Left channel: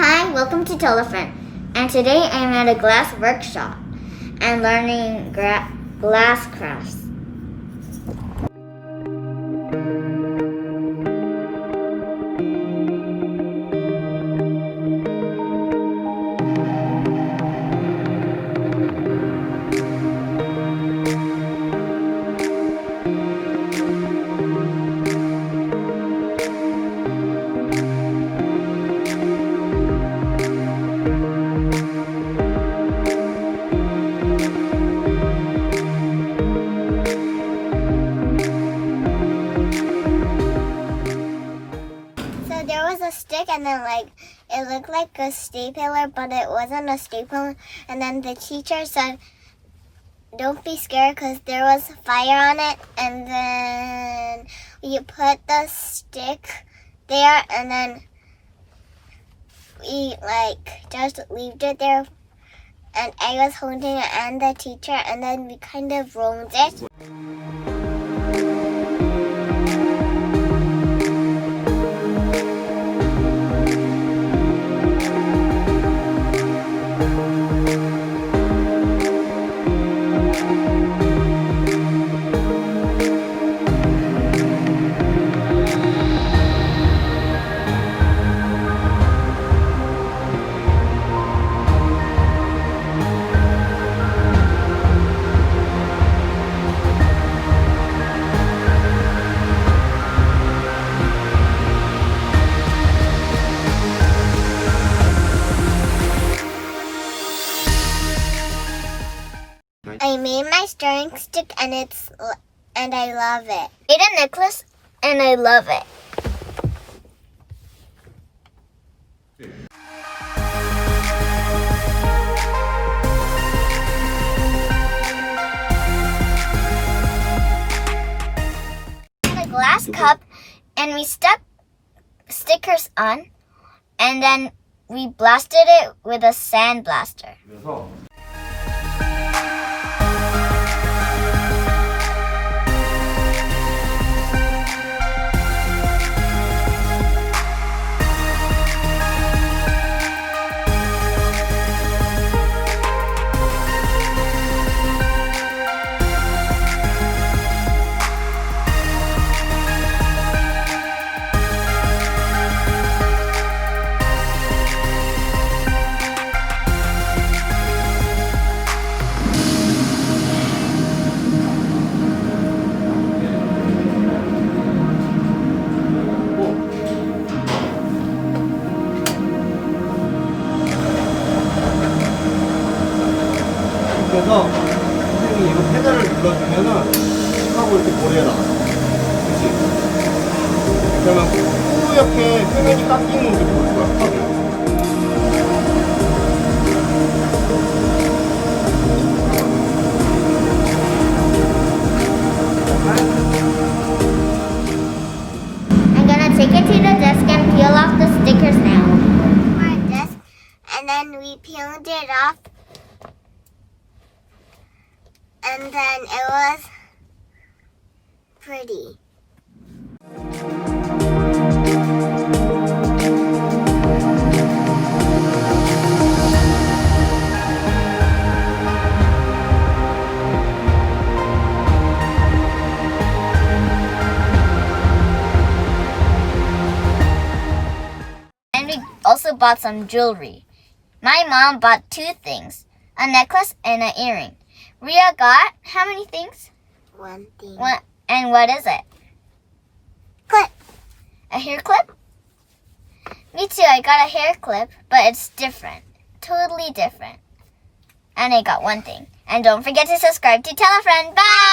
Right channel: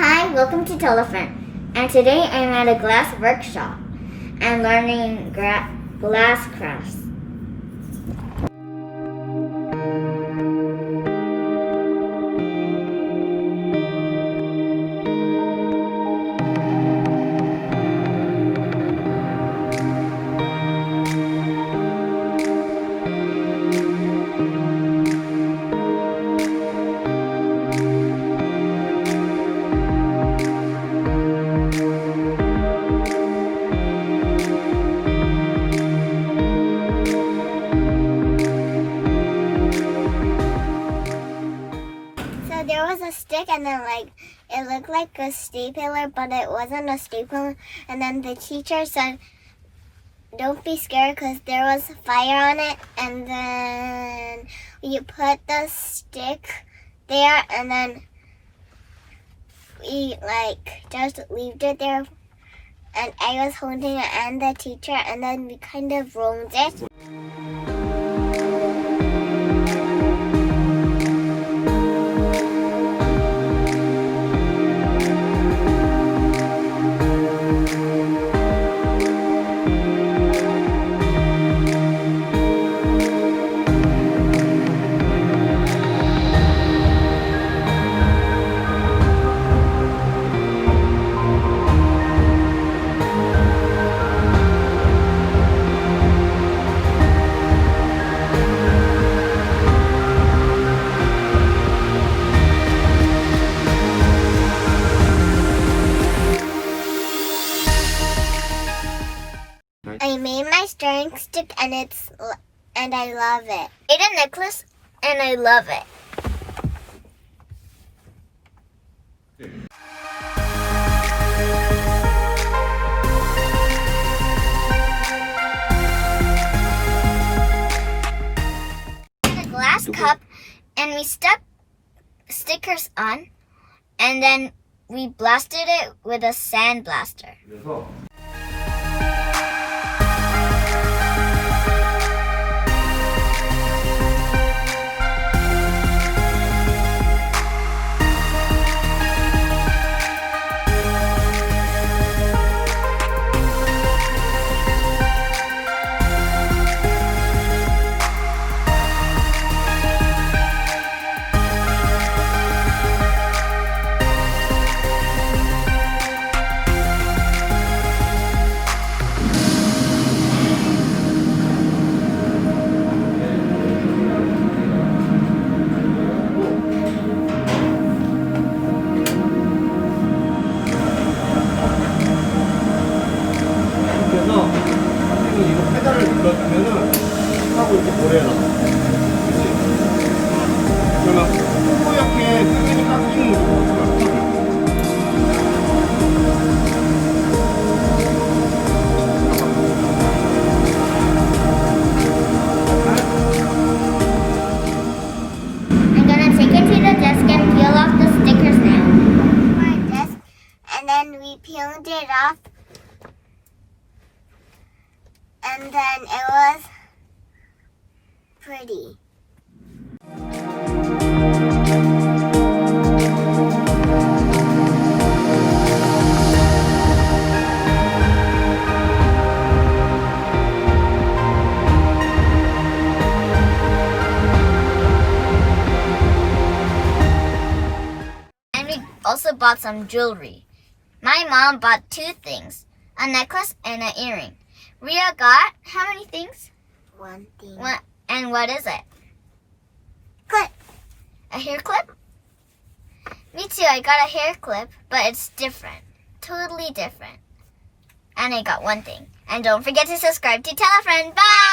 Hi, welcome to Tella and today I'm at a glass workshop and learning glass crafts. So there was a stick and then it looked like a stapler, but it wasn't a stapler. And then the teacher said, don't be scared because there was fire on it. And then you put the stick there and then we just left it there. And I was holding it and the teacher, and then we kind of rolled it. I made my stirring stick and I love it. I made a necklace and I love it. A glass cup and we stuck stickers on and then we blasted it with a sandblaster. 그래서 선생님이 이거 페달을 눌러주면은 하고 이렇게 모래에 나가. 그치? 그러면 뿌옇게 끄면이 깎이는 게 뭐 거야, 턱을. I'm gonna take it to the desk and peel off the stickers now. Our desk, and then we peeled it off. And then it was pretty. And we also bought some jewelry. My mom bought 2 things, a necklace and an earring. Ria got how many things? 1 thing. And what is it? Clip. A hair clip? Me too, I got a hair clip, but it's different. Totally different. And I got 1 thing. And don't forget to subscribe to Tell a Friend. Bye!